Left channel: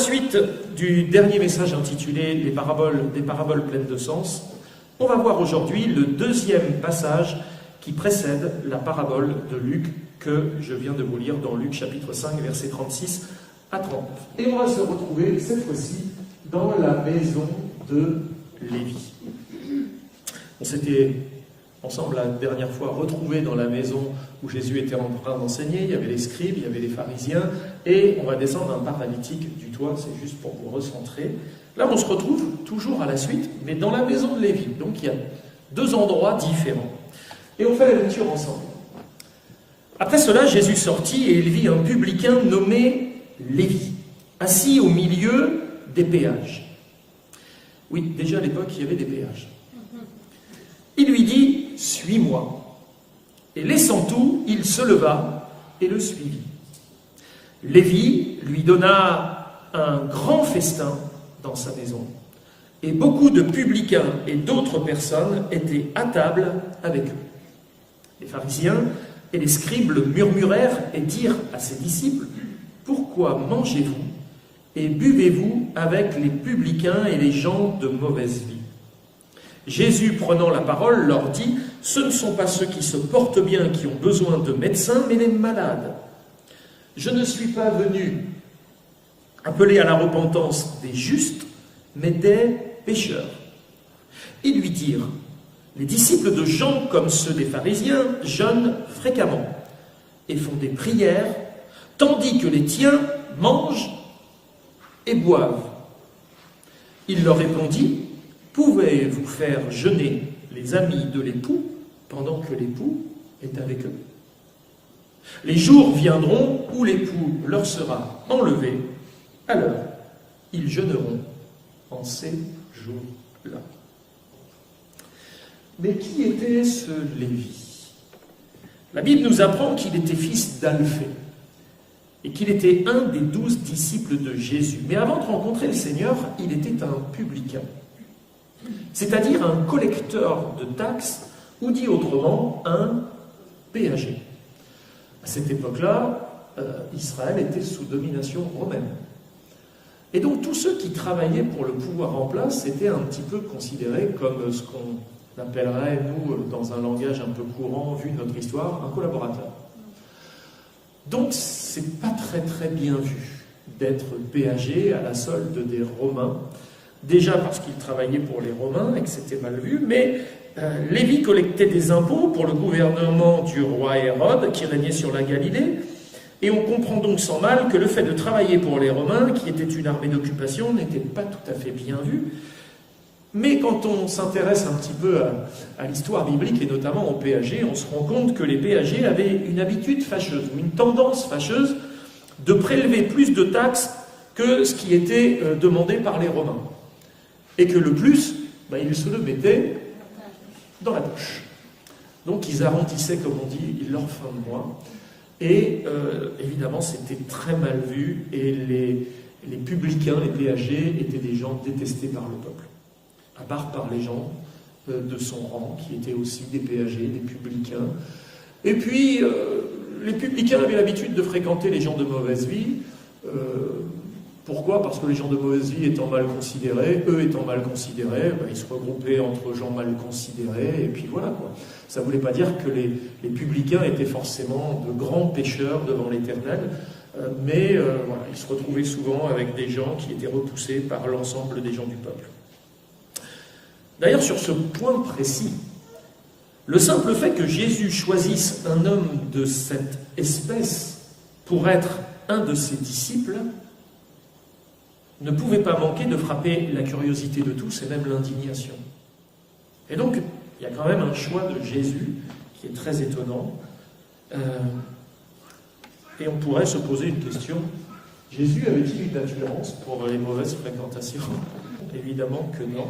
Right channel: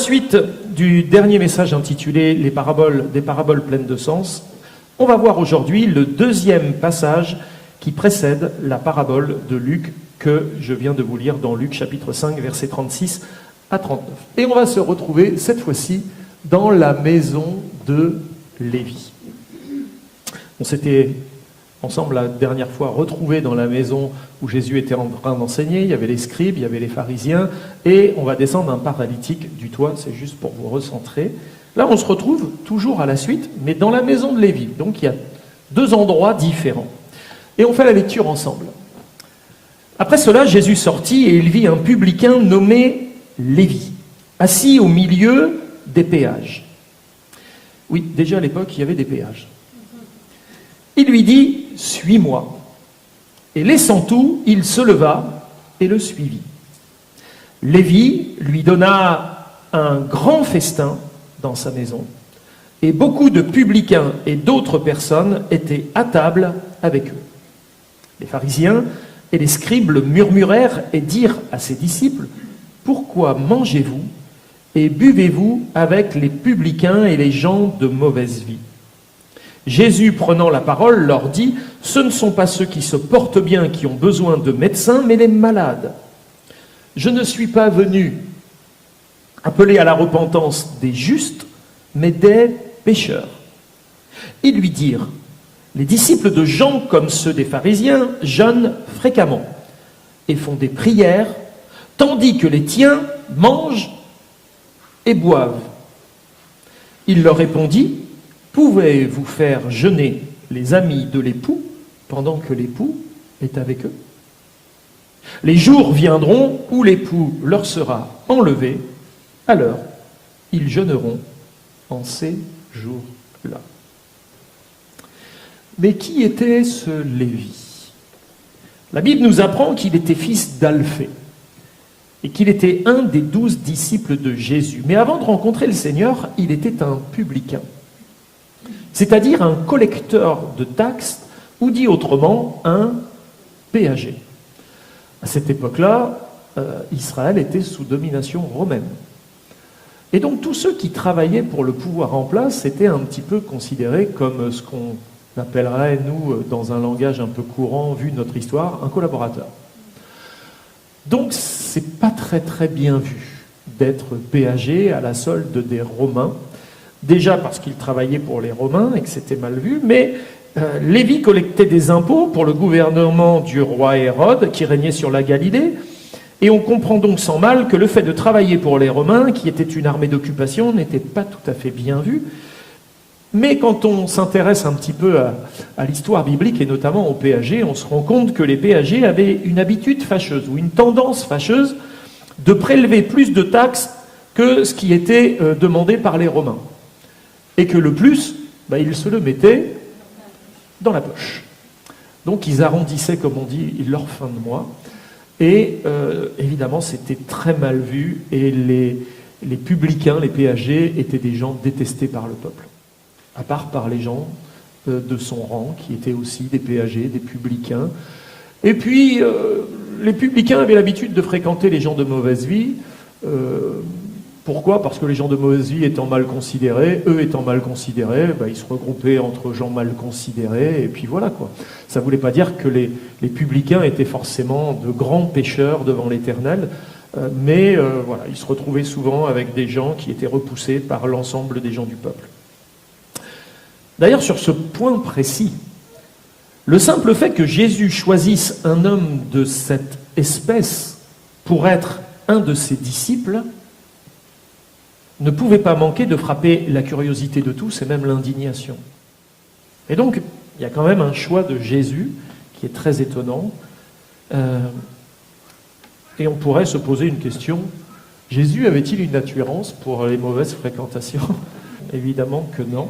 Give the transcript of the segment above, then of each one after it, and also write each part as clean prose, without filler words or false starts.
suite du dernier message intitulé « Des paraboles pleines de sens », on va voir aujourd'hui le deuxième passage qui précède la parabole de Luc que je viens de vous lire dans Luc chapitre 5, versets 36 à 39. Et on va se retrouver cette fois-ci dans la maison de Lévi. On s'était ensemble la dernière fois retrouvés dans la maison où Jésus était en train d'enseigner. Il y avait les scribes, il y avait les pharisiens, et on va descendre un paralytique du toit, c'est juste pour vous recentrer. Là, on se retrouve toujours à la suite, mais dans la maison de Lévi. Donc il y a deux endroits différents. Et on fait la lecture ensemble. Après cela, Jésus sortit et il vit un publicain nommé Lévi, assis au milieu des péages. Oui, déjà à l'époque, il y avait des péages. Il lui dit « Suis-moi ». Et laissant tout, il se leva et le suivit. Lévi lui donna un grand festin dans sa maison, et beaucoup de publicains et d'autres personnes étaient à table avec eux. Les pharisiens et les scribes murmurèrent et dirent à ses disciples « Pourquoi mangez-vous et buvez-vous avec les publicains et les gens de mauvaise vie ?» Jésus, prenant la parole, leur dit « Ce ne sont pas ceux qui se portent bien qui ont besoin de médecins, mais les malades. Je ne suis pas venu appeler à la repentance des justes, mais des pécheurs. » Ils lui dirent « Les disciples de Jean, comme ceux des pharisiens, jeûnent fréquemment et font des prières, tandis que les tiens mangent et boivent. » Il leur répondit « Pouvez-vous faire jeûner les amis de l'époux pendant que l'époux est avec eux? Les jours viendront où l'époux leur sera enlevé, alors ils jeûneront en ces jours-là. » Mais qui était ce Lévi? La Bible nous apprend qu'il était fils d'Alphée et qu'il était un des 12 disciples de Jésus. Mais avant de rencontrer le Seigneur, il était un publicain, c'est-à-dire un collecteur de taxes, ou dit autrement, un péager. À cette époque-là, Israël était sous domination romaine. Et donc tous ceux qui travaillaient pour le pouvoir en place étaient un petit peu considérés comme ce qu'on appellerait, nous, dans un langage un peu courant, vu notre histoire, un collaborateur. Donc c'est pas très bien vu d'être péager à la solde des Romains. Déjà parce qu'il travaillait pour les Romains et que c'était mal vu, mais Lévi collectait des impôts pour le gouvernement du roi Hérode qui régnait sur la Galilée, et on comprend donc sans mal que le fait de travailler pour les Romains, qui était une armée d'occupation, n'était pas tout à fait bien vu. Mais quand on s'intéresse un petit peu à l'histoire biblique et notamment aux péagers, on se rend compte que les péagers avaient une habitude fâcheuse ou une tendance fâcheuse de prélever plus de taxes que ce qui était demandé par les Romains. Et que le plus, ils se le mettaient dans la poche. Donc ils arrondissaient, comme on dit, leur fin de mois. Et évidemment, c'était très mal vu. Et les publicains, les péagers, étaient des gens détestés par le peuple. À part par les gens de son rang, qui étaient aussi des péagers, des publicains. Et puis, les publicains avaient l'habitude de fréquenter les gens de mauvaise vie. Pourquoi? Parce que les gens de mauvaise vie étant mal considérés, eux étant mal considérés, ils se regroupaient entre gens mal considérés, et puis voilà quoi. Ça ne voulait pas dire que les publicains étaient forcément de grands pécheurs devant l'Éternel, mais voilà, ils se retrouvaient souvent avec des gens qui étaient repoussés par l'ensemble des gens du peuple. D'ailleurs, sur ce point précis, le simple fait que Jésus choisisse un homme de cette espèce pour être un de ses disciples ne pouvait pas manquer de frapper la curiosité de tous et même l'indignation. Et donc, il y a quand même un choix de Jésus qui est très étonnant. Et on pourrait se poser une question. Jésus avait-il une attirance pour les mauvaises fréquentations? Évidemment que non.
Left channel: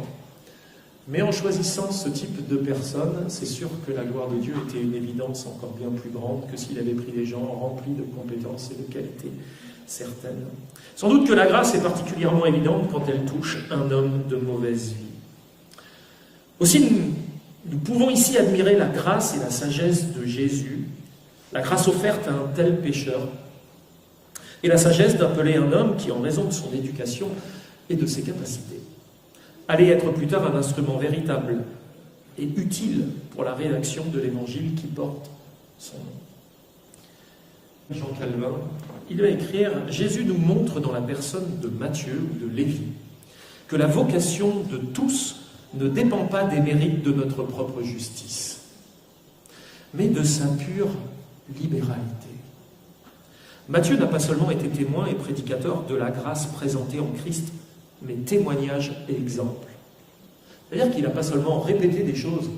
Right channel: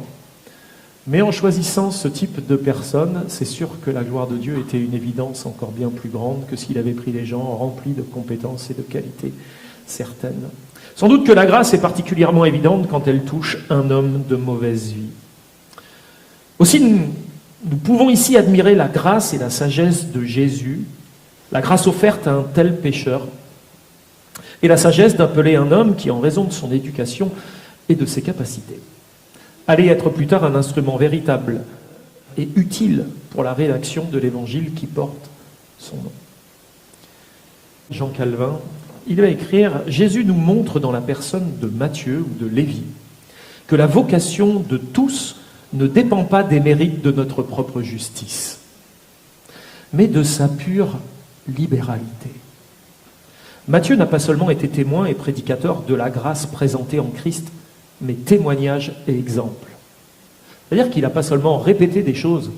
Mais en choisissant ce type de personne, c'est sûr que la gloire de Dieu était une évidence encore bien plus grande que s'il avait pris des gens remplis de compétences et de qualités certaines. Sans doute que la grâce est particulièrement évidente quand elle touche un homme de mauvaise vie. Aussi, nous pouvons ici admirer la grâce et la sagesse de Jésus, la grâce offerte à un tel pécheur, et la sagesse d'appeler un homme qui, en raison de son éducation et de ses capacités, allait être plus tard un instrument véritable et utile pour la rédaction de l'évangile qui porte son nom. Jean Calvin, il va écrire « Jésus nous montre dans la personne de Matthieu ou de Lévi que la vocation de tous ne dépend pas des mérites de notre propre justice, mais de sa pure libéralité. Matthieu n'a pas seulement été témoin et prédicateur de la grâce présentée en Christ, mais témoignage et exemple. C'est-à-dire qu'il n'a pas seulement répété des choses,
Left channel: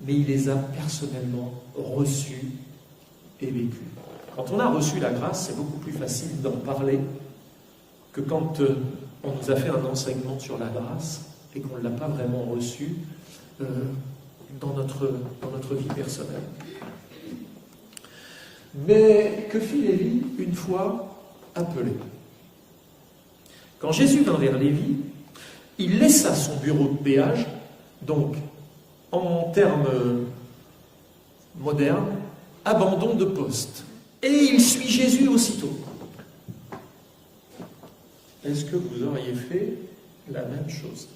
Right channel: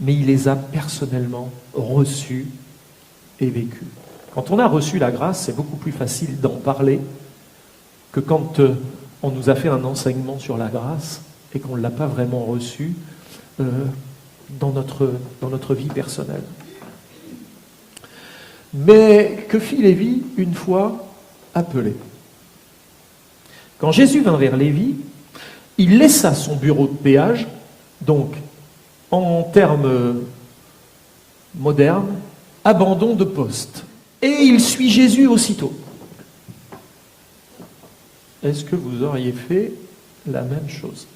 mais il les a personnellement reçues et vécues. Quand on a reçu la grâce, c'est beaucoup plus facile d'en parler que quand on nous a fait un enseignement sur la grâce et qu'on ne l'a pas vraiment reçu dans notre vie personnelle. Mais que fit Lévi une fois appelé? Quand Jésus vint vers Lévi, il laissa son bureau de péage, donc en termes modernes, abandon de poste. Et il suit Jésus aussitôt. Est-ce que vous auriez fait la même chose?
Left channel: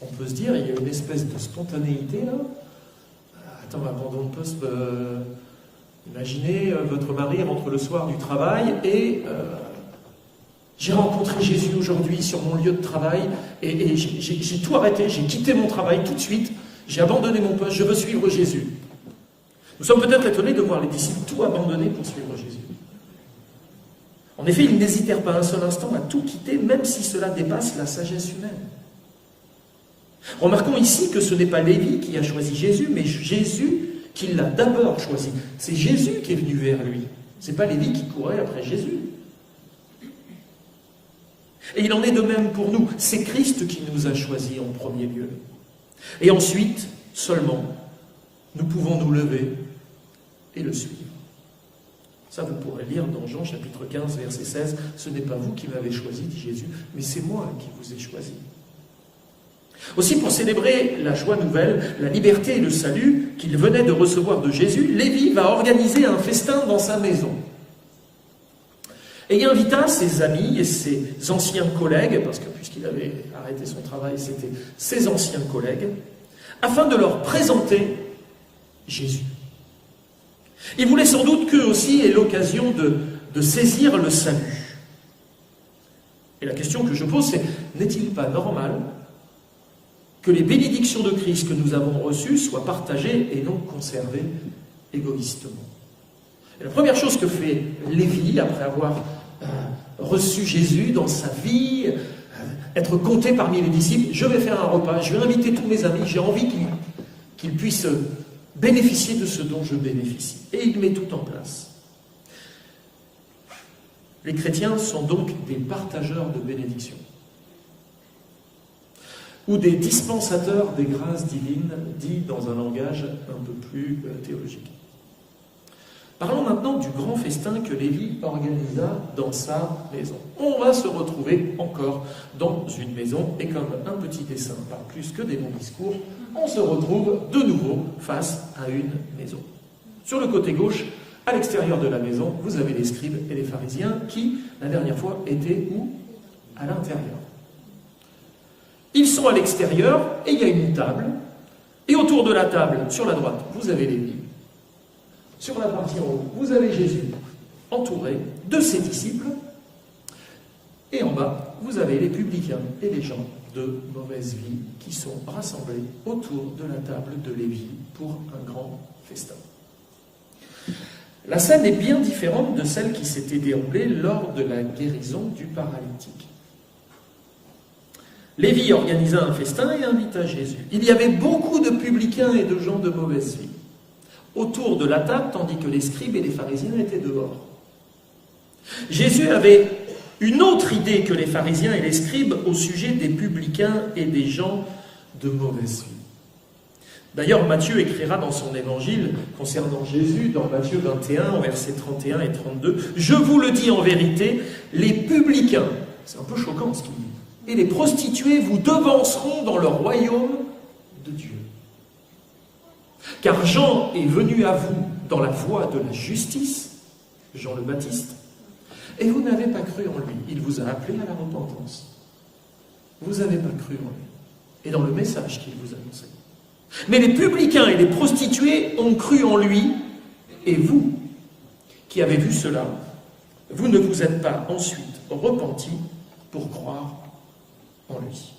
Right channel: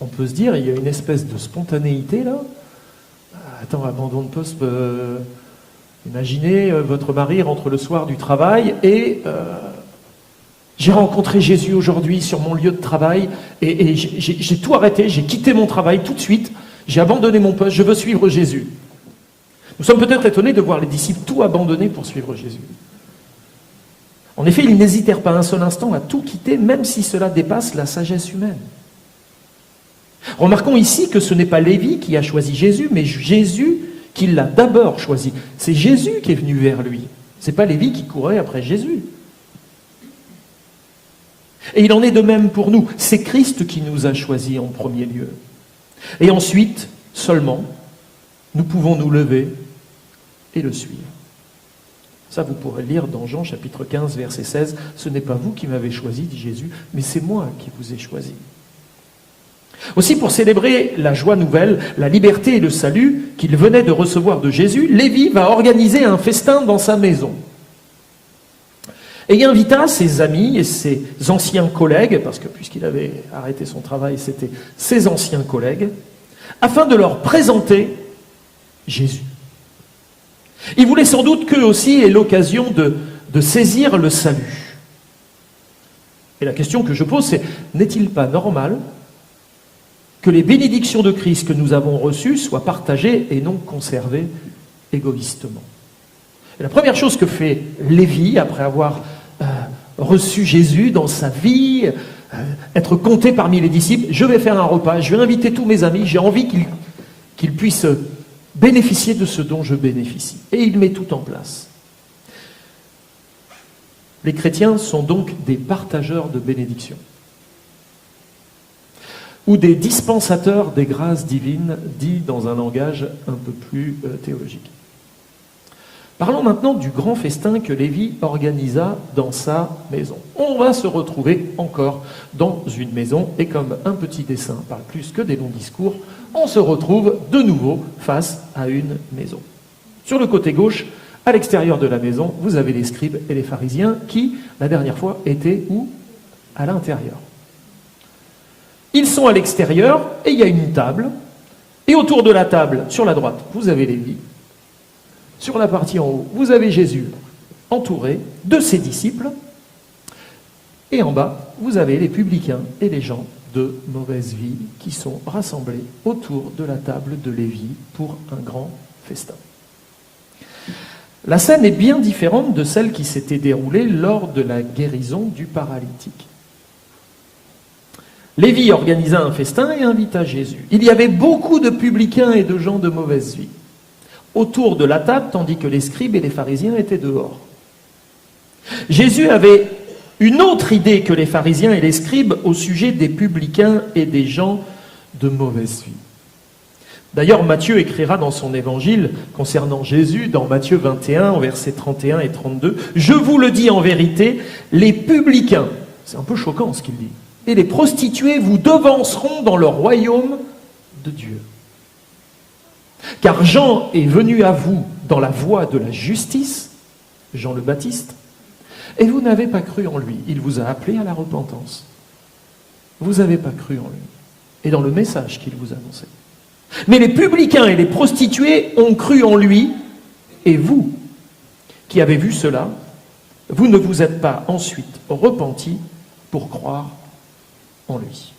On peut se dire, il y a une espèce de spontanéité là. Attends, abandon de poste, imaginez votre mari rentre le soir du travail et j'ai rencontré Jésus aujourd'hui sur mon lieu de travail et j'ai tout arrêté, j'ai quitté mon travail tout de suite, j'ai abandonné mon poste, je veux suivre Jésus. Nous sommes peut-être étonnés de voir les disciples tout abandonner pour suivre Jésus. En effet, ils n'hésitèrent pas un seul instant à tout quitter, même si cela dépasse la sagesse humaine. Remarquons ici que ce n'est pas Lévi qui a choisi Jésus, mais Jésus qui l'a d'abord choisi. C'est Jésus qui est venu vers lui. Ce n'est pas Lévi qui courait après Jésus. Et il en est de même pour nous. C'est Christ qui nous a choisis en premier lieu. Et ensuite, seulement, nous pouvons nous lever et le suivre. Ça, vous pourrez lire dans Jean chapitre 15, verset 16. « Ce n'est pas vous qui m'avez choisi, dit Jésus, mais c'est moi qui vous ai choisi. » Aussi, pour célébrer la joie nouvelle, la liberté et le salut qu'il venait de recevoir de Jésus, Lévi va organiser un festin dans sa maison. Et il invita ses amis et ses anciens collègues, parce que puisqu'il avait arrêté son travail, c'était ses anciens collègues, afin de leur présenter Jésus. Il voulait sans doute qu'eux aussi aient l'occasion de saisir le salut. Et la question que je pose, c'est, n'est-il pas normal que les bénédictions de Christ que nous avons reçues soient partagées et non conservées égoïstement? Et la première chose que fait Lévi, après avoir reçu Jésus dans sa vie, être compté parmi les disciples, je vais faire un repas, je vais inviter tous mes amis, j'ai envie qu'ils puissent bénéficier de ce dont je bénéficie. Et il met tout en place. Les chrétiens sont donc des partageurs de bénédictions, ou des dispensateurs des grâces divines, dit dans un langage un peu plus théologique. Parlons maintenant du grand festin que Lévi organisa dans sa maison. On va se retrouver encore dans une maison, et comme un petit dessin parle plus que des longs discours, on se retrouve de nouveau face à une maison. Sur le côté gauche, à l'extérieur de la maison, vous avez les scribes et les pharisiens qui, la dernière fois, étaient où? À l'intérieur. Ils sont à l'extérieur et il y a une table. Et autour de la table, sur la droite, vous avez Lévi. Sur la partie en haut, vous avez Jésus entouré de ses disciples. Et en bas, vous avez les publicains et les gens de mauvaise vie qui sont rassemblés autour de la table de Lévi pour un grand festin. La scène est bien différente de celle qui s'était déroulée lors de la guérison du paralytique. Lévi organisa un festin et invita Jésus. Il y avait beaucoup de publicains et de gens de mauvaise vie autour de la table, tandis que les scribes et les pharisiens étaient dehors. Jésus avait une autre idée que les pharisiens et les scribes au sujet des publicains et des gens de mauvaise vie. D'ailleurs, Matthieu écrira dans son évangile concernant Jésus, dans Matthieu 21, versets 31 et 32, « Je vous le dis en vérité, les publicains, c'est un peu choquant ce qu'il dit, et les prostituées vous devanceront dans le royaume de Dieu. Car Jean est venu à vous dans la voie de la justice, Jean le Baptiste, et vous n'avez pas cru en lui. Il vous a appelé à la repentance. Vous n'avez pas cru en lui, et dans le message qu'il vous annonçait. Mais les publicains et les prostituées ont cru en lui, et vous, qui avez vu cela, vous ne vous êtes pas ensuite repentis pour croire en lui.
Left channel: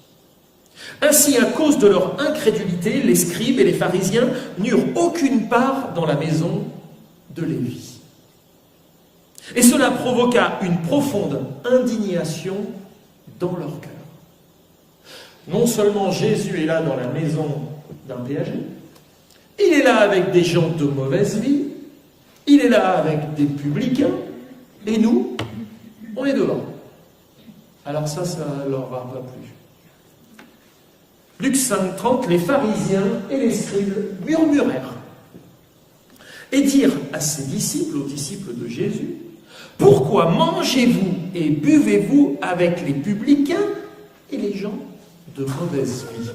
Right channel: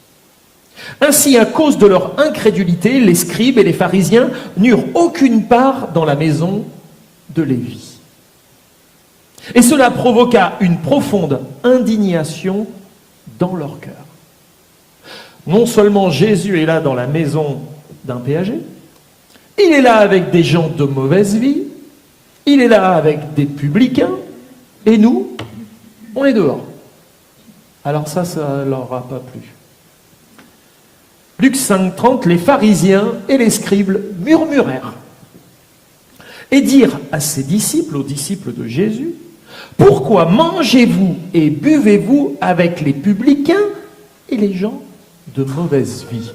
Ainsi, à cause de leur incrédulité, les scribes et les pharisiens n'eurent aucune part dans la maison de Lévi. Et cela provoqua une profonde indignation dans leur cœur. Non seulement Jésus est là dans la maison d'un péager, il est là avec des gens de mauvaise vie, il est là avec des publicains, et nous, on est dehors. Alors ça leur a pas plu. Luc 5,30, les pharisiens et les scribes murmurèrent et dirent à ses disciples, aux disciples de Jésus, « Pourquoi mangez-vous et buvez-vous avec les publicains et les gens de mauvaise vie ?»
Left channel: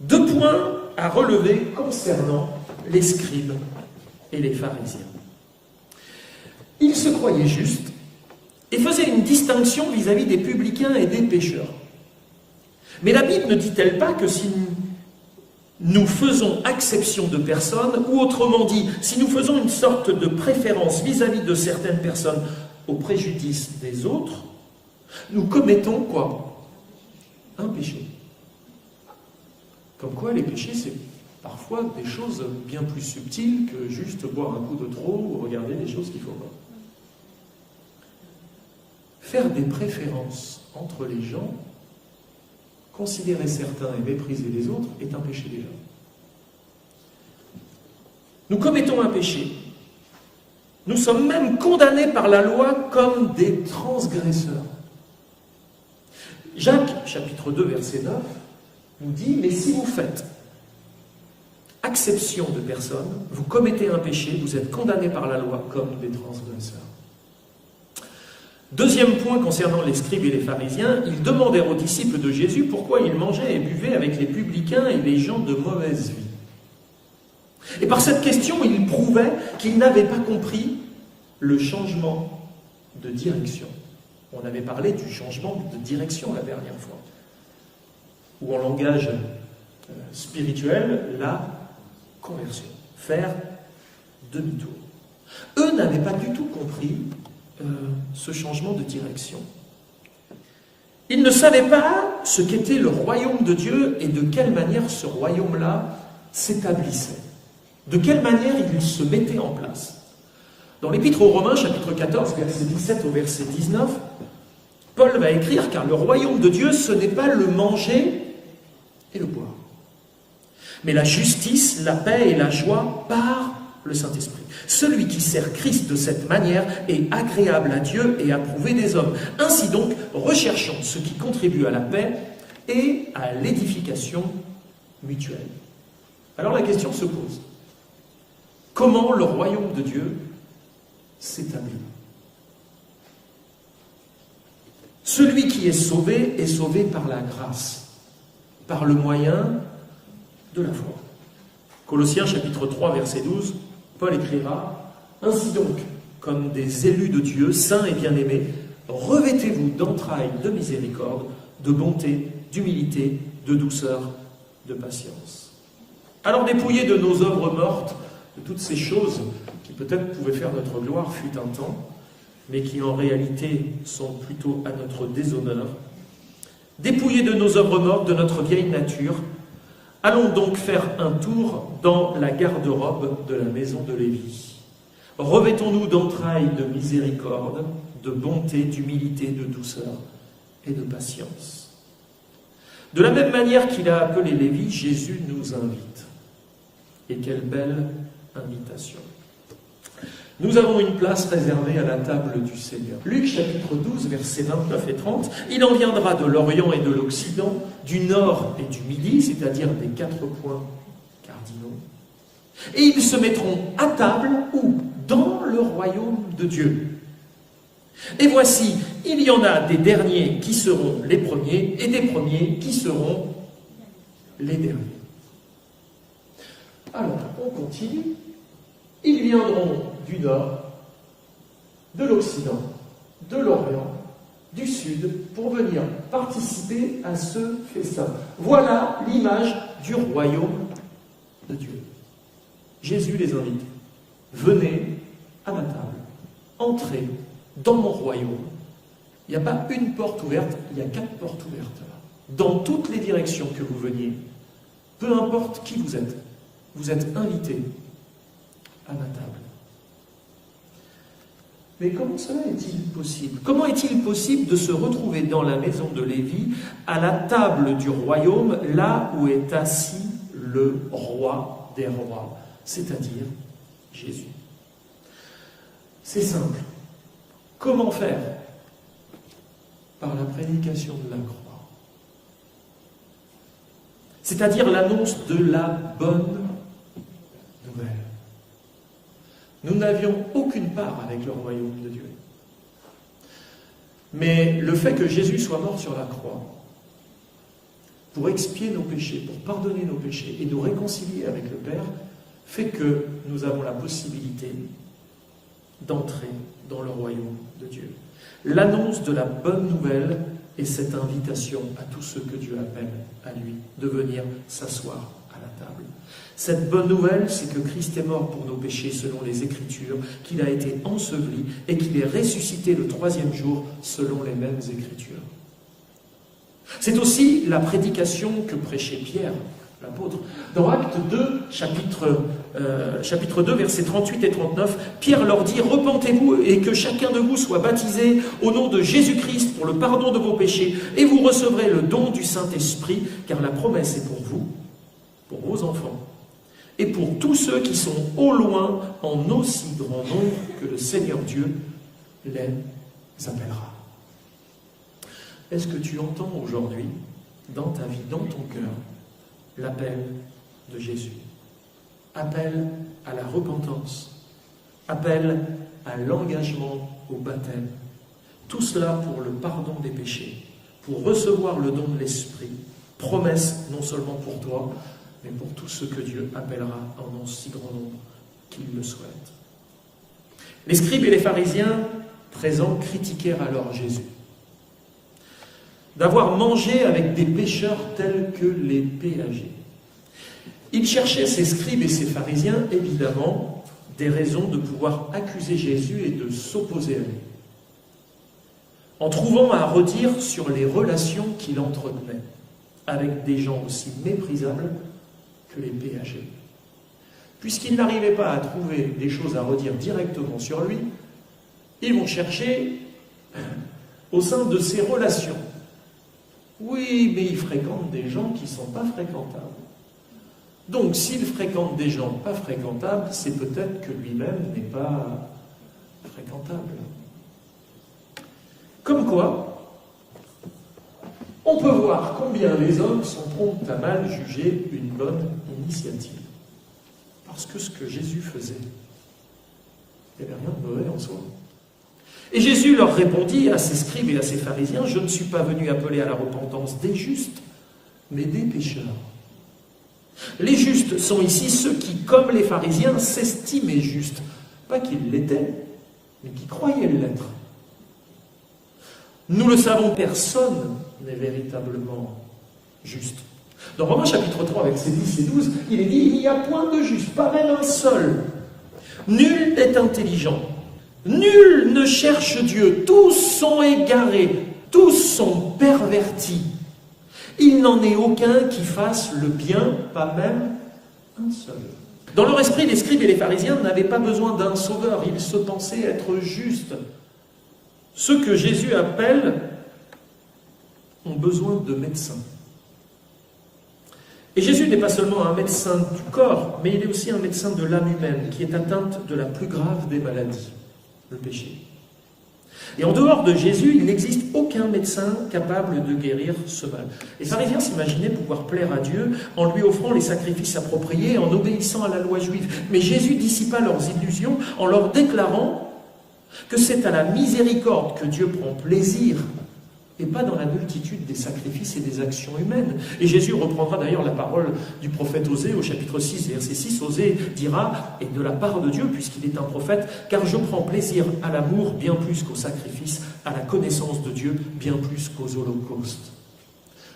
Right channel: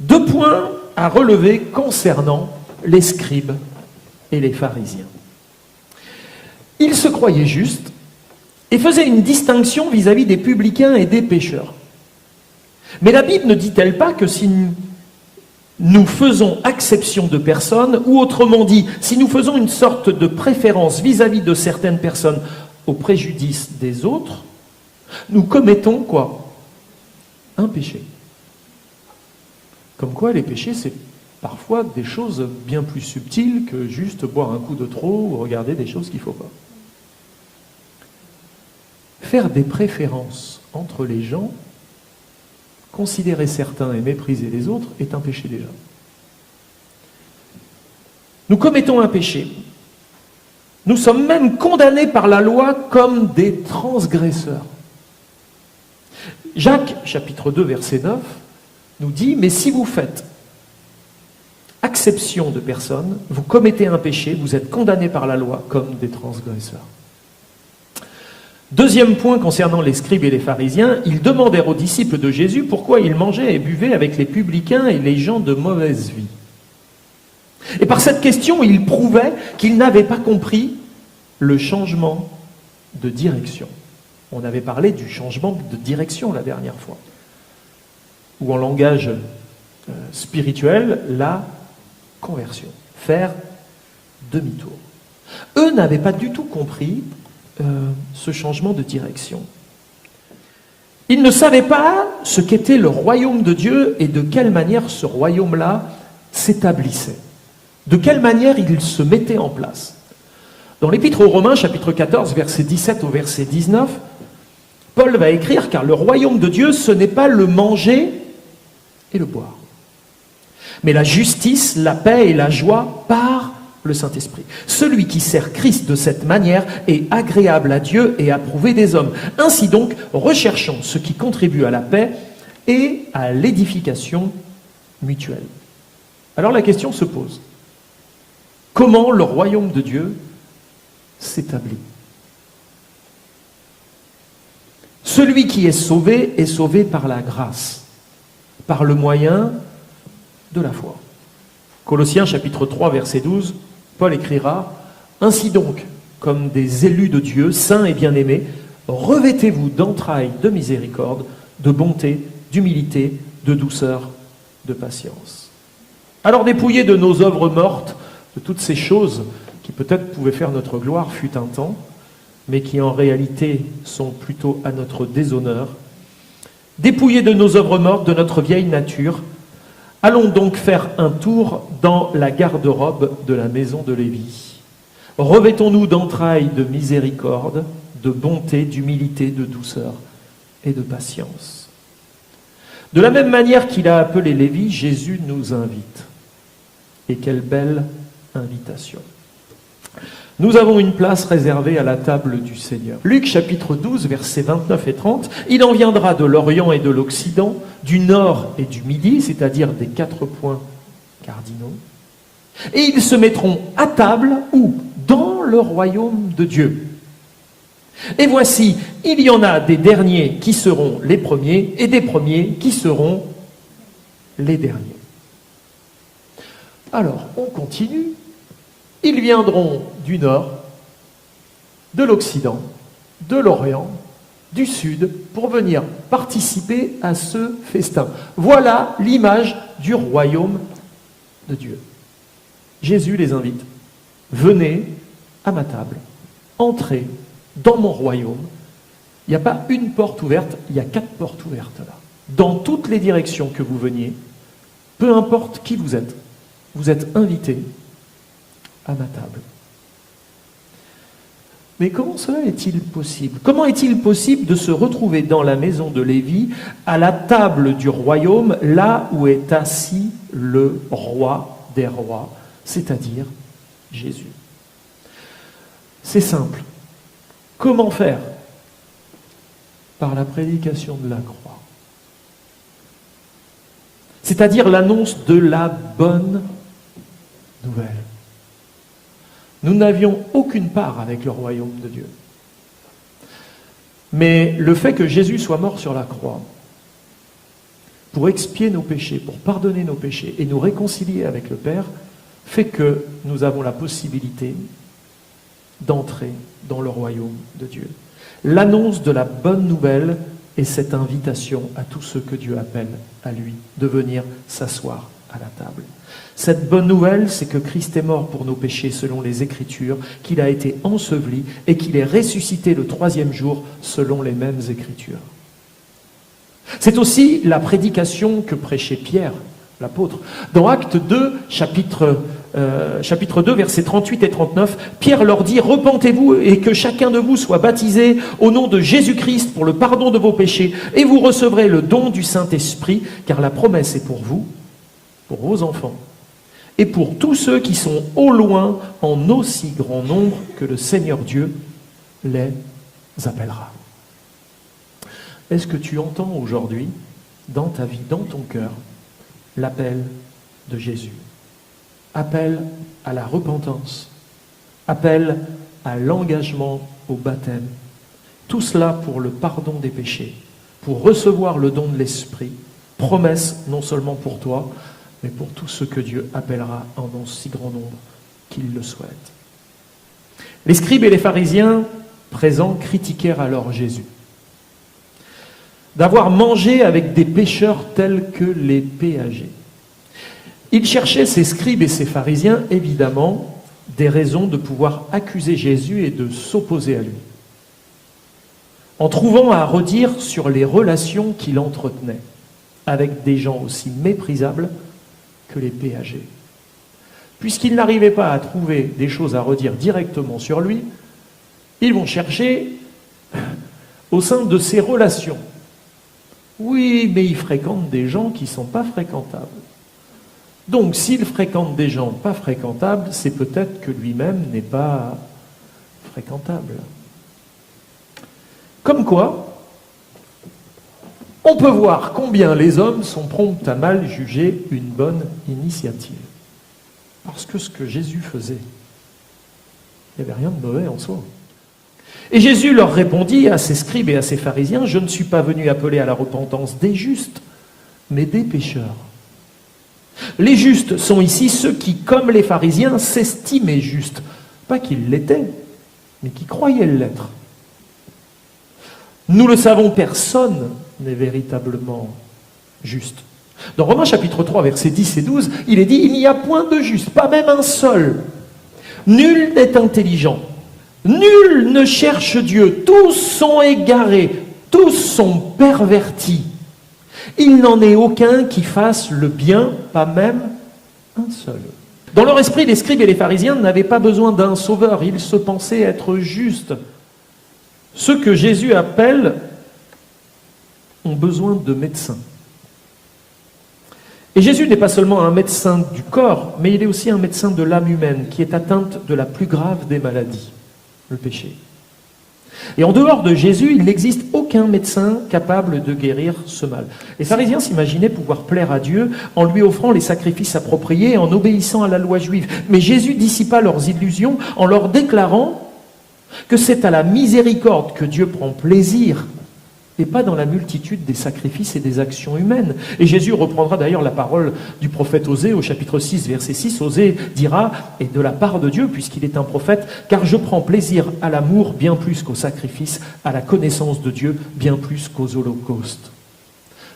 2 points à relever concernant les scribes et les pharisiens. Ils se croyaient justes et faisaient une distinction vis-à-vis des publicains et des pécheurs. Mais la Bible ne dit-elle pas que si nous faisons acception de personnes, ou autrement dit, si nous faisons une sorte de préférence vis-à-vis de certaines personnes au préjudice des autres, nous commettons quoi? Un péché. Comme quoi les péchés, c'est parfois des choses bien plus subtiles que juste boire un coup de trop ou regarder des choses qu'il ne faut pas. Faire des préférences entre les gens, considérer certains et mépriser les autres, est un péché déjà. Nous commettons un péché. Nous sommes même condamnés par la loi comme des transgresseurs. Jacques, chapitre 2, verset 9, nous dit « Mais si vous faites acception de personnes, vous commettez un péché, vous êtes condamnés par la loi comme des transgresseurs. » Deuxième point concernant les scribes et les pharisiens, ils demandèrent aux disciples de Jésus pourquoi ils mangeaient et buvaient avec les publicains et les gens de mauvaise vie. Et par cette question, ils prouvaient qu'ils n'avaient pas compris le changement de direction. On avait parlé du changement de direction la dernière fois. Ou en langage spirituel, la conversion. Faire demi-tour. Eux n'avaient pas du tout compris ce changement de direction. Ils ne savaient pas ce qu'était le royaume de Dieu et de quelle manière ce royaume-là s'établissait. De quelle manière il se mettait en place. Dans l'Épître aux Romains, chapitre 14, verset 17 au verset 19, Paul va écrire « Car le royaume de Dieu, ce n'est pas le manger et le boire, mais la justice, la paix et la joie par le Saint-Esprit. Celui qui sert Christ de cette manière est agréable à Dieu et approuvé des hommes. Ainsi donc, recherchons ce qui contribue à la paix et à l'édification mutuelle. » Alors la question se pose. Comment le royaume de Dieu s'établit? Celui qui est sauvé par la grâce, par le moyen de la foi. Colossiens chapitre 3 verset 12, Paul écrira « Ainsi donc, comme des élus de Dieu, saints et bien-aimés, revêtez-vous d'entrailles de miséricorde, de bonté, d'humilité, de douceur, de patience. » Alors dépouillés de nos œuvres mortes, de toutes ces choses qui peut-être pouvaient faire notre gloire fut un temps, mais qui en réalité sont plutôt à notre déshonneur, dépouillés de nos œuvres mortes, de notre vieille nature, allons donc faire un tour dans la garde-robe de la maison de Lévi. Revêtons-nous d'entrailles de miséricorde, de bonté, d'humilité, de douceur et de patience. De la même manière qu'il a appelé Lévi, Jésus nous invite. Et quelle belle invitation. Nous avons une place réservée à la table du Seigneur. Luc chapitre 12, versets 29 et 30. Il en viendra de l'Orient et de l'Occident, du Nord et du Midi, c'est-à-dire des 4 points cardinaux. Et ils se mettront à table, où? Dans le royaume de Dieu. Et voici, il y en a des derniers qui seront les premiers, et des premiers qui seront les derniers. Alors, on continue. Ils viendront du nord, de l'Occident, de l'Orient, du Sud, pour venir participer à ce festin. Voilà l'image du royaume de Dieu. Jésus les invite. Venez à ma table, entrez dans mon royaume. Il n'y a pas une porte ouverte, il y a 4 portes ouvertes là. Dans toutes les directions que vous veniez, peu importe qui vous êtes invités à ma table. Mais comment cela est-il possible? Comment est-il possible de se retrouver dans la maison de Lévi, à la table du royaume, là où est assis le roi des rois, c'est-à-dire Jésus? C'est simple. Comment faire? Par la prédication de la croix. C'est-à-dire l'annonce de la bonne nouvelle. Nous n'avions aucune part avec le royaume de Dieu. Mais le fait que Jésus soit mort sur la croix pour expier nos péchés, pour pardonner nos péchés et nous réconcilier avec le Père, fait que nous avons la possibilité d'entrer dans le royaume de Dieu. L'annonce de la bonne nouvelle est cette invitation à tous ceux que Dieu appelle à lui de venir s'asseoir à la table. Cette bonne nouvelle, c'est que Christ est mort pour nos péchés selon les Écritures, qu'il a été enseveli et qu'il est ressuscité le 3e jour selon les mêmes Écritures. C'est aussi la prédication que prêchait Pierre, l'apôtre. Dans Acte 2, chapitre 2, versets 38 et 39, Pierre leur dit « Repentez-vous et que chacun de vous soit baptisé au nom de Jésus-Christ pour le pardon de vos péchés, et vous recevrez le don du Saint-Esprit, car la promesse est pour vous, pour vos enfants, et pour tous ceux qui sont au loin, en aussi grand nombre que le Seigneur Dieu les appellera. » Est-ce que tu entends aujourd'hui, dans ta vie, dans ton cœur, l'appel de Jésus? Appel à la repentance, appel à l'engagement au baptême. Tout cela pour le pardon des péchés, pour recevoir le don de l'Esprit. Promesse non seulement pour toi, mais pour tous ceux que Dieu appellera en un si grand nombre qu'ils le souhaitent. Les scribes et les pharisiens présents critiquèrent alors Jésus d'avoir mangé avec des pécheurs tels que les péagers. Ils cherchaient, ces scribes et ces pharisiens, évidemment, des raisons de pouvoir accuser Jésus et de s'opposer à lui, en trouvant à redire sur les relations qu'il entretenait avec des gens aussi méprisables que les péagers. Puisqu'ils n'arrivaient pas à trouver des choses à redire directement sur lui, ils vont chercher au sein de ses relations. Oui, mais il fréquente des gens qui ne sont pas fréquentables. Donc, s'il fréquente des gens pas fréquentables, c'est peut-être que lui-même n'est pas fréquentable. Comme quoi, on peut voir combien les hommes sont prompts à mal juger une bonne initiative. Parce que ce que Jésus faisait, il n'y avait rien de mauvais en soi. Et Jésus leur répondit à ces scribes et à ces pharisiens, « Je ne suis pas venu appeler à la repentance des justes, mais des pécheurs. » Les justes sont ici ceux qui, comme les pharisiens, s'estimaient justes. Pas qu'ils l'étaient, mais qui croyaient l'être. Nous le savons, personne n'est véritablement juste. Dans Romains chapitre 3, versets 10 et 12, il est dit « Il n'y a point de juste, pas même un seul. Nul n'est intelligent. Nul ne cherche Dieu. Tous sont égarés. Tous sont pervertis. Il n'en est aucun qui fasse le bien, pas même un seul. » Dans leur esprit, les scribes et les pharisiens n'avaient pas besoin d'un sauveur. Ils se pensaient être justes. Ceux que Jésus appelle ont besoin de médecins. Et Jésus n'est pas seulement un médecin du corps, mais il est aussi un médecin de l'âme humaine qui est atteinte de la plus grave des maladies, le péché. Et en dehors de Jésus, il n'existe aucun médecin capable de guérir ce mal. Les pharisiens s'imaginaient pouvoir plaire à Dieu en lui offrant les sacrifices appropriés et en obéissant à la loi juive. Mais Jésus dissipa leurs illusions en leur déclarant que c'est à la miséricorde que Dieu prend plaisir et pas dans la multitude des sacrifices et des actions humaines. Et Jésus reprendra d'ailleurs la parole du prophète Osée au chapitre 6, verset 6. Osée dira, et de la part de Dieu, puisqu'il est un prophète, « Car je prends plaisir à l'amour bien plus qu'au sacrifice, à la connaissance de Dieu bien plus qu'aux holocaustes. »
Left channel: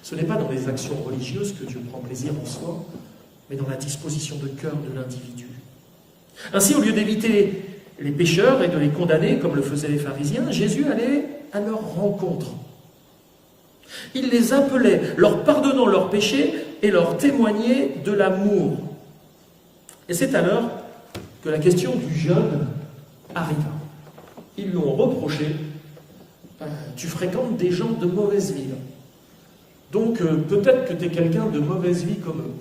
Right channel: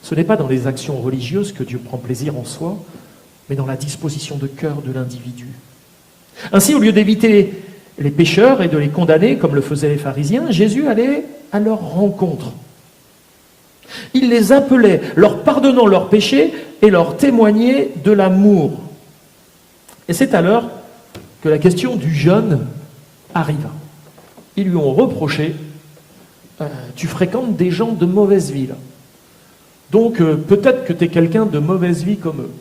Ce n'est pas dans les actions religieuses que Dieu prend plaisir en soi, mais dans la disposition de cœur de l'individu. Ainsi, au lieu d'éviter les pécheurs et de les condamner, comme le faisaient les pharisiens, Jésus allait à leur rencontre. Il les appelait, leur pardonnant leurs péchés et leur témoignait de l'amour. Et c'est alors que la question du jeûne arriva. Ils lui ont reproché « Tu fréquentes des gens de mauvaise vie, là. Donc peut-être que tu es quelqu'un de mauvaise vie comme eux. »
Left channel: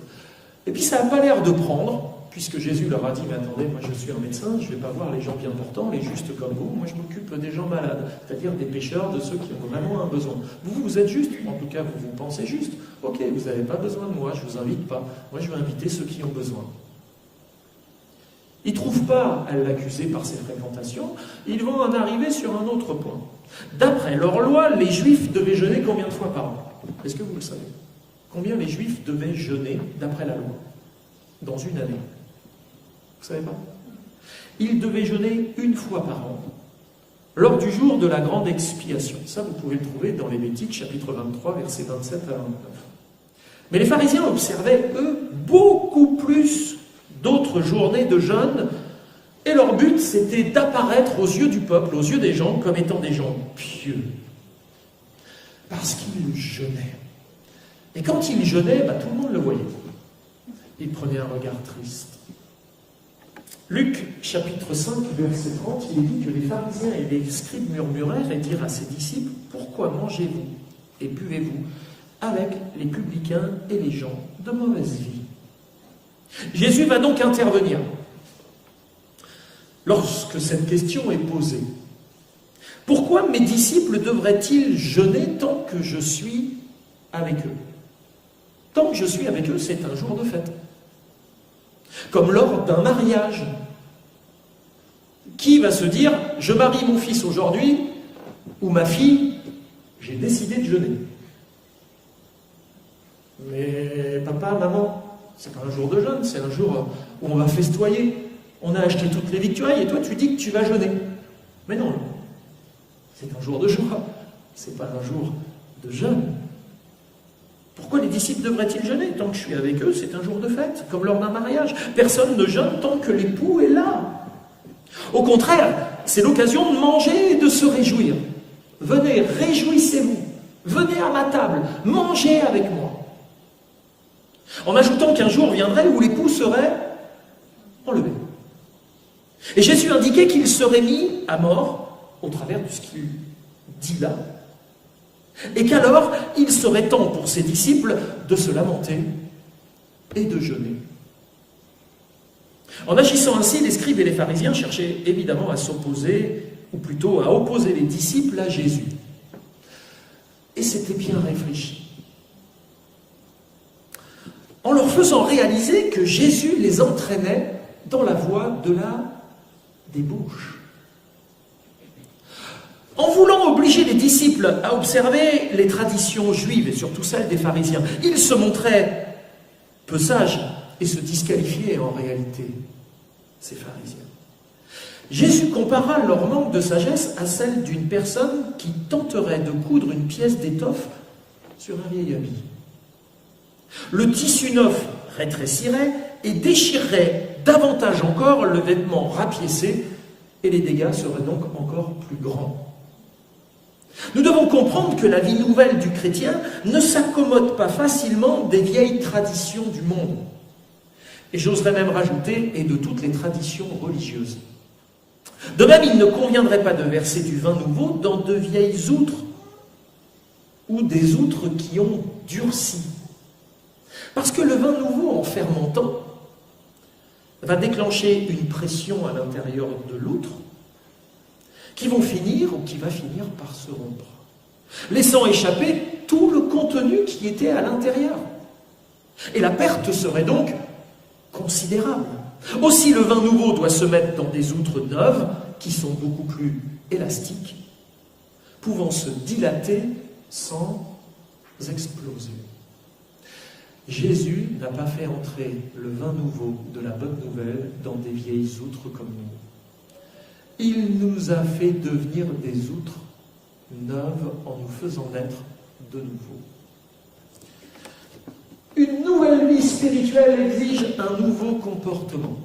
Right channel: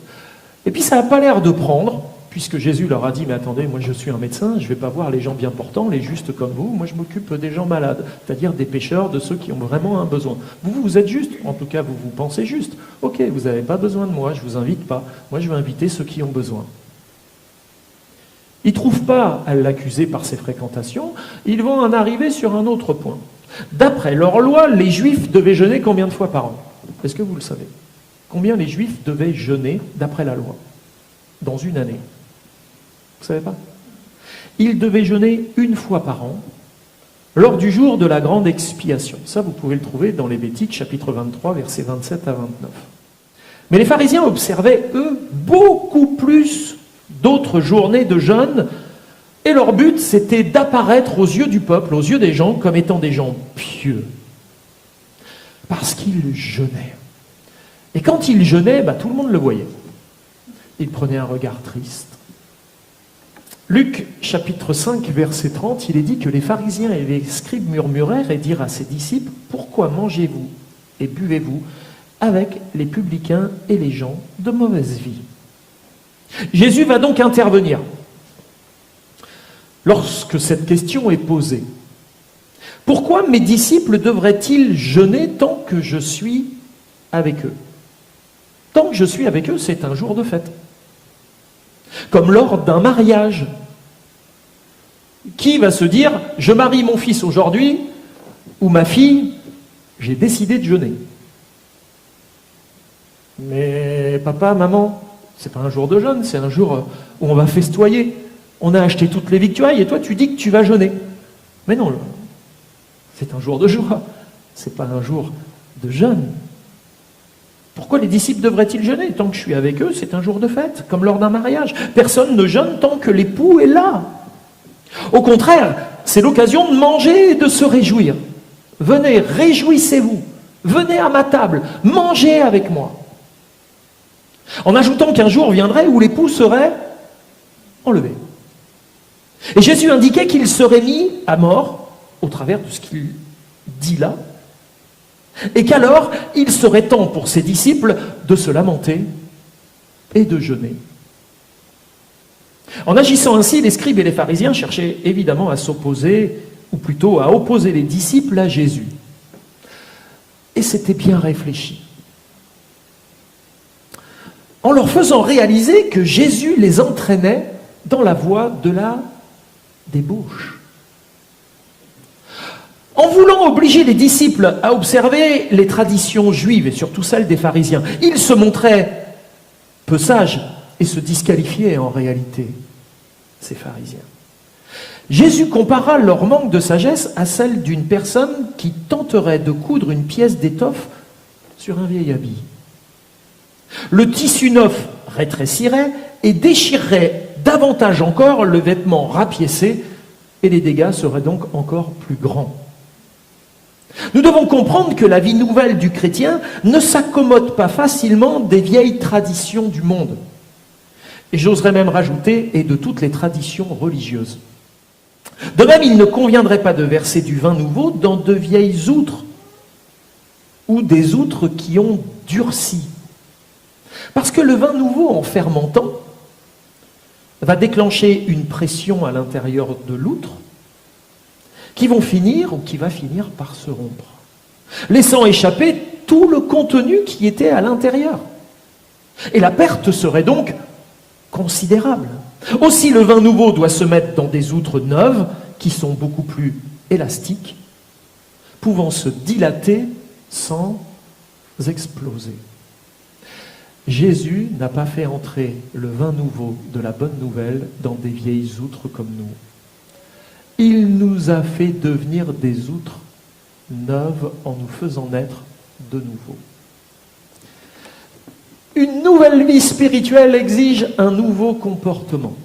Et puis ça n'a pas l'air de prendre, puisque Jésus leur a dit « Mais attendez, moi je suis un médecin, je ne vais pas voir les gens bien portants, les justes comme vous, moi je m'occupe des gens malades, c'est-à-dire des pécheurs, de ceux qui ont vraiment un besoin. Vous êtes juste, en tout cas vous pensez juste. Ok, vous n'avez pas besoin de moi, je ne vous invite pas, moi je vais inviter ceux qui ont besoin. » Ils ne trouvent pas à l'accuser par ses fréquentations, ils vont en arriver sur un autre point. D'après leur loi, les Juifs devaient jeûner combien de fois par an? Est-ce que vous le savez? Combien les Juifs devaient jeûner d'après la loi dans une année? Vous ne savez pas? Ils devaient jeûner une fois par an, lors du jour de la grande expiation. Ça, vous pouvez le trouver dans Lévitique, chapitre 23, versets 27 à 29. Mais les pharisiens observaient, eux, beaucoup plus d'autres journées de jeûne, et leur but, c'était d'apparaître aux yeux du peuple, aux yeux des gens, comme étant des gens pieux. Parce qu'ils jeûnaient. Et quand ils jeûnaient, tout le monde le voyait. Ils prenaient un regard triste. Luc, chapitre 5, verset 30, il est dit que les pharisiens et les scribes murmurèrent et dirent à ses disciples « Pourquoi mangez-vous et buvez-vous avec les publicains et les gens de mauvaise vie ?» Jésus va donc intervenir lorsque cette question est posée. Pourquoi mes disciples devraient-ils jeûner tant que je suis avec eux? Tant que je suis avec eux, c'est un jour de fête. Comme lors d'un mariage. Qui va se dire « Je marie mon fils aujourd'hui » ou « Ma fille, j'ai décidé de jeûner ». Mais papa, maman, c'est pas un jour de jeûne, c'est un jour où on va festoyer. On a acheté toutes les victuailles et toi tu dis que tu vas jeûner. Mais non, c'est un jour de joie, c'est pas un jour de jeûne. Pourquoi les disciples devraient-ils jeûner? Tant que je suis avec eux, c'est un jour de fête, comme lors d'un mariage. Personne ne jeûne tant que l'époux est là. Au contraire, c'est l'occasion de manger et de se réjouir. Venez, réjouissez-vous. Venez à ma table, mangez avec moi. En ajoutant qu'un jour viendrait où l'époux serait enlevé. Et Jésus indiquait qu'il serait mis à mort au travers de ce qu'il dit là, et qu'alors il serait temps pour ses disciples de se lamenter et de jeûner. En agissant ainsi, les scribes et les pharisiens cherchaient évidemment à s'opposer, ou plutôt à opposer les disciples à Jésus. Et c'était bien réfléchi. En leur faisant réaliser que Jésus les entraînait dans la voie de la débauche. En voulant obliger les disciples à observer les traditions juives, et surtout celles des pharisiens, ils se montraient peu sages et se disqualifiaient en réalité, ces pharisiens. Jésus compara leur manque de sagesse à celle d'une personne qui tenterait de coudre une pièce d'étoffe sur un vieil habit. Le tissu neuf rétrécirait et déchirerait davantage encore le vêtement rapiécé, et les dégâts seraient donc encore plus grands. Nous devons comprendre que la vie nouvelle du chrétien ne s'accommode pas facilement des vieilles traditions du monde. Et j'oserais même rajouter, et de toutes les traditions religieuses. De même, il ne conviendrait pas de verser du vin nouveau dans de vieilles outres, ou des outres qui ont durci. Parce que le vin nouveau, en fermentant, va déclencher une pression à l'intérieur de l'outre, qui vont finir ou qui va finir par se rompre, laissant échapper tout le contenu qui était à l'intérieur. Et la perte serait donc considérable. Aussi, le vin nouveau doit se mettre dans des outres neuves qui sont beaucoup plus élastiques, pouvant se dilater sans exploser. Jésus n'a pas fait entrer le vin nouveau de la bonne nouvelle dans des vieilles outres comme nous. Il nous a fait devenir des outres neuves en nous faisant naître de nouveau. Une nouvelle vie spirituelle exige un nouveau comportement.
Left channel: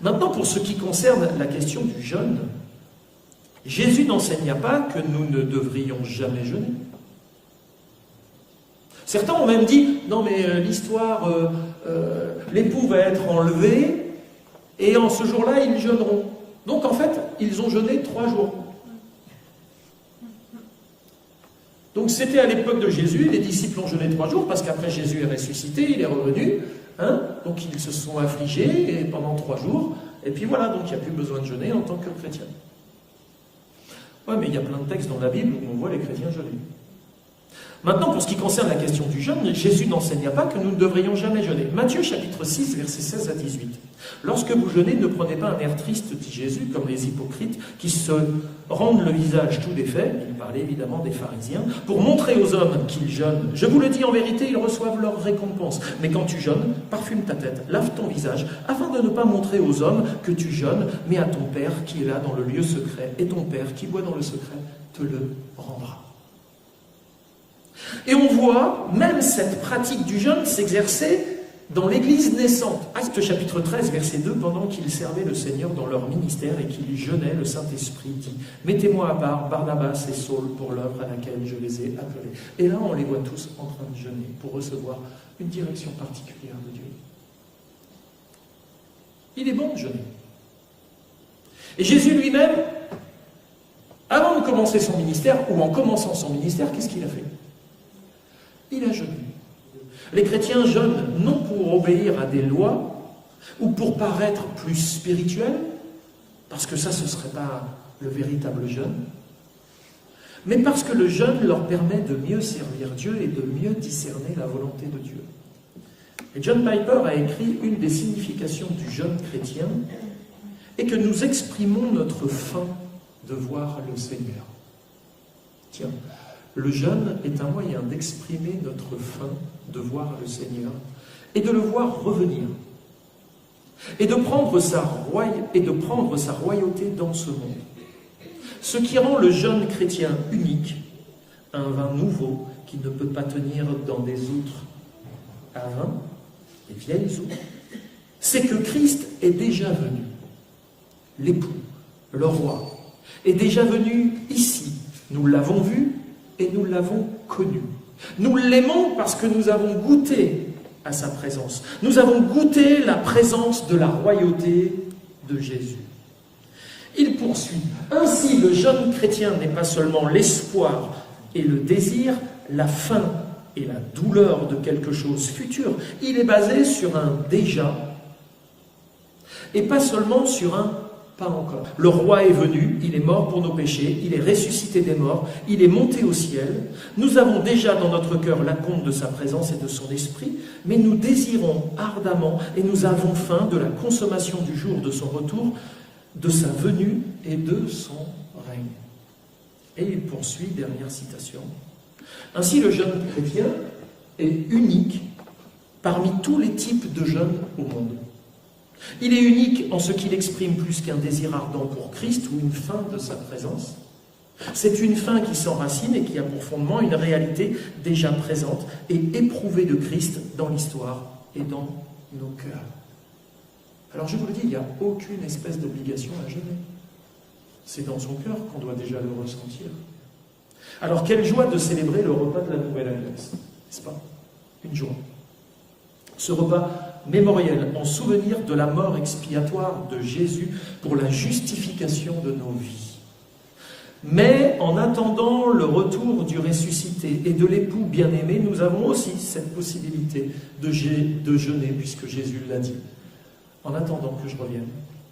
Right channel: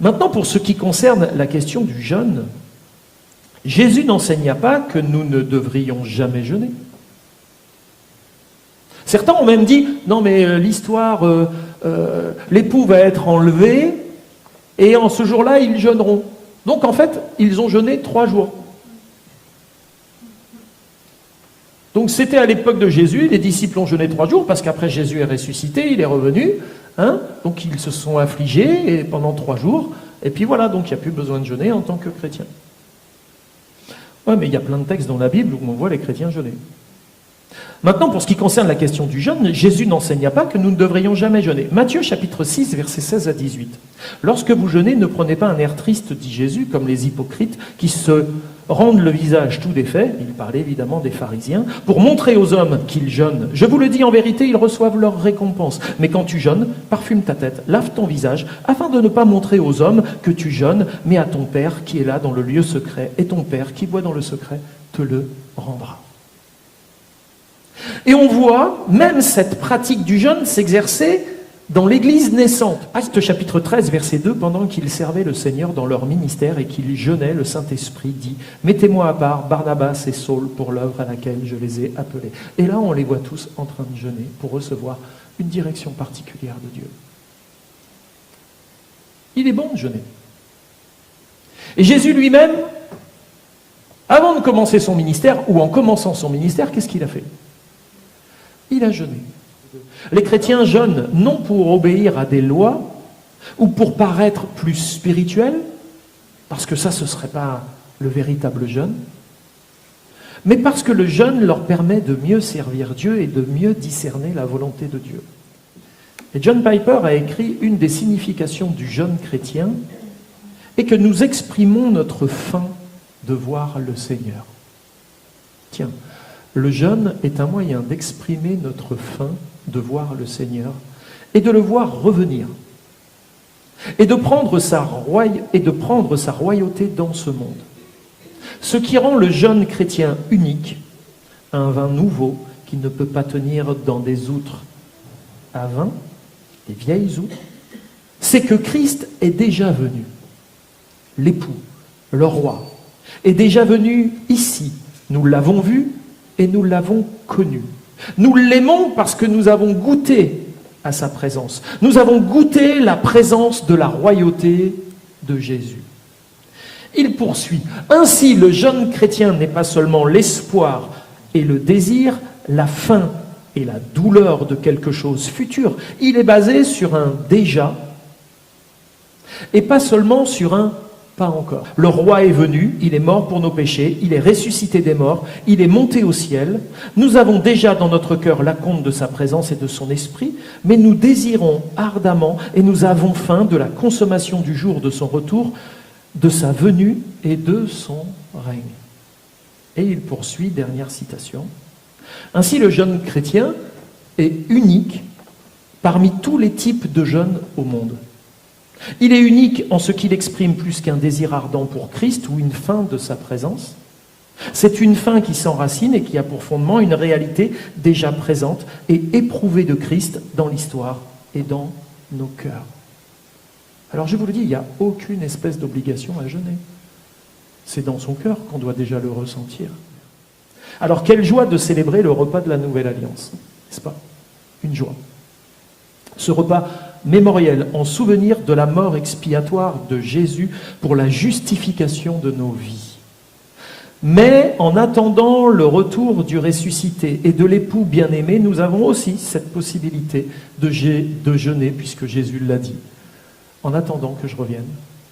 Maintenant, pour ce qui concerne la question du jeûne, Jésus n'enseigna pas que nous ne devrions jamais jeûner. Certains ont même dit, non mais l'histoire, l'époux va être enlevé, et en ce jour-là, ils jeûneront. Donc en fait, ils ont jeûné 3 jours. Donc c'était à l'époque de Jésus, les disciples ont jeûné 3 jours, parce qu'après Jésus est ressuscité, il est revenu, donc ils se sont affligés et pendant 3 jours, et puis voilà, donc il n'y a plus besoin de jeûner en tant que chrétien. Oui, mais il y a plein de textes dans la Bible où on voit les chrétiens jeûner. Maintenant, pour ce qui concerne la question du jeûne, Jésus n'enseigna pas que nous ne devrions jamais jeûner. Matthieu chapitre 6, versets 16 à 18. Lorsque vous jeûnez, ne prenez pas un air triste, dit Jésus, comme les hypocrites qui se rendent le visage tout défait, il parlait évidemment des pharisiens, pour montrer aux hommes qu'ils jeûnent. Je vous le dis en vérité, ils reçoivent leur récompense. Mais quand tu jeûnes, parfume ta tête, lave ton visage, afin de ne pas montrer aux hommes que tu jeûnes, mais à ton Père qui est là dans le lieu secret, et ton Père qui voit dans le secret te le rendra. Et on voit même cette pratique du jeûne s'exercer dans l'Église naissante. Actes chapitre 13, verset 2, pendant qu'ils servaient le Seigneur dans leur ministère et qu'ils jeûnaient, le Saint-Esprit dit « Mettez-moi à part Barnabas et Saul pour l'œuvre à laquelle je les ai appelés. » Et là, on les voit tous en train de jeûner pour recevoir une direction particulière de Dieu. Il est bon de jeûner. Et Jésus lui-même, avant de commencer son ministère, ou en commençant son ministère, qu'est-ce qu'il a fait ? Il a jeûné. Les chrétiens jeûnent non pour obéir à des lois ou pour paraître plus spirituels, parce que ça, ce ne serait pas le véritable jeûne, mais parce que le jeûne leur permet de mieux servir Dieu et de mieux discerner la volonté de Dieu. Et John Piper a écrit une des significations du jeûne chrétien et que nous exprimons notre faim de voir le Seigneur. Tiens, le jeûne est un moyen d'exprimer notre faim de voir le Seigneur et de le voir revenir et de prendre sa royauté dans ce monde. Ce qui rend le jeûne chrétien unique, un vin nouveau qui ne peut pas tenir dans des outres à vin, des vieilles outres, c'est que Christ est déjà venu. L'époux, le roi, est déjà venu ici. Nous l'avons vu et nous l'avons connu. Nous l'aimons parce que nous avons goûté à sa présence. Nous avons goûté la présence de la royauté de Jésus. Il poursuit. Ainsi, le jeûne chrétien n'est pas seulement l'espoir et le désir, la faim et la douleur de quelque chose futur. Il est basé sur un déjà et pas seulement sur un pas encore. Le roi est venu, il est mort pour nos péchés, il est ressuscité des morts, il est monté au ciel. Nous avons déjà dans notre cœur l'acompte de sa présence et de son esprit, mais nous désirons ardemment et nous avons faim de la consommation du jour de son retour, de sa venue et de son règne. Et il poursuit, dernière citation. Ainsi, le jeûne chrétien est unique parmi tous les types de jeûne au monde. Il est unique en ce qu'il exprime plus qu'un désir ardent pour Christ ou une faim de sa présence. C'est une faim qui s'enracine et qui a pour fondement une réalité déjà présente et éprouvée de Christ dans l'histoire et dans nos cœurs. Alors je vous le dis, il n'y a aucune espèce d'obligation à jeûner. C'est dans son cœur qu'on doit déjà le ressentir. Alors quelle joie de célébrer le repas de la Nouvelle Alliance, n'est-ce pas ? Une joie. Ce repas mémoriel en souvenir de la mort expiatoire de Jésus pour la justification de nos vies. Mais en attendant le retour du ressuscité et de l'époux bien-aimé, nous avons aussi cette possibilité de jeûner, puisque Jésus l'a dit. En attendant que je revienne,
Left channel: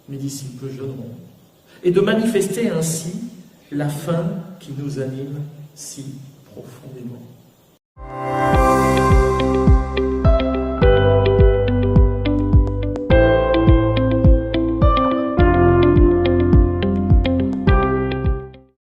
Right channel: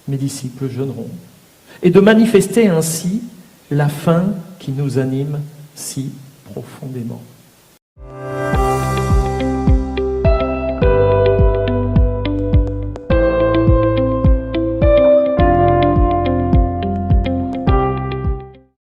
mes disciples jeûneront. Et de manifester ainsi la faim qui nous anime si profondément.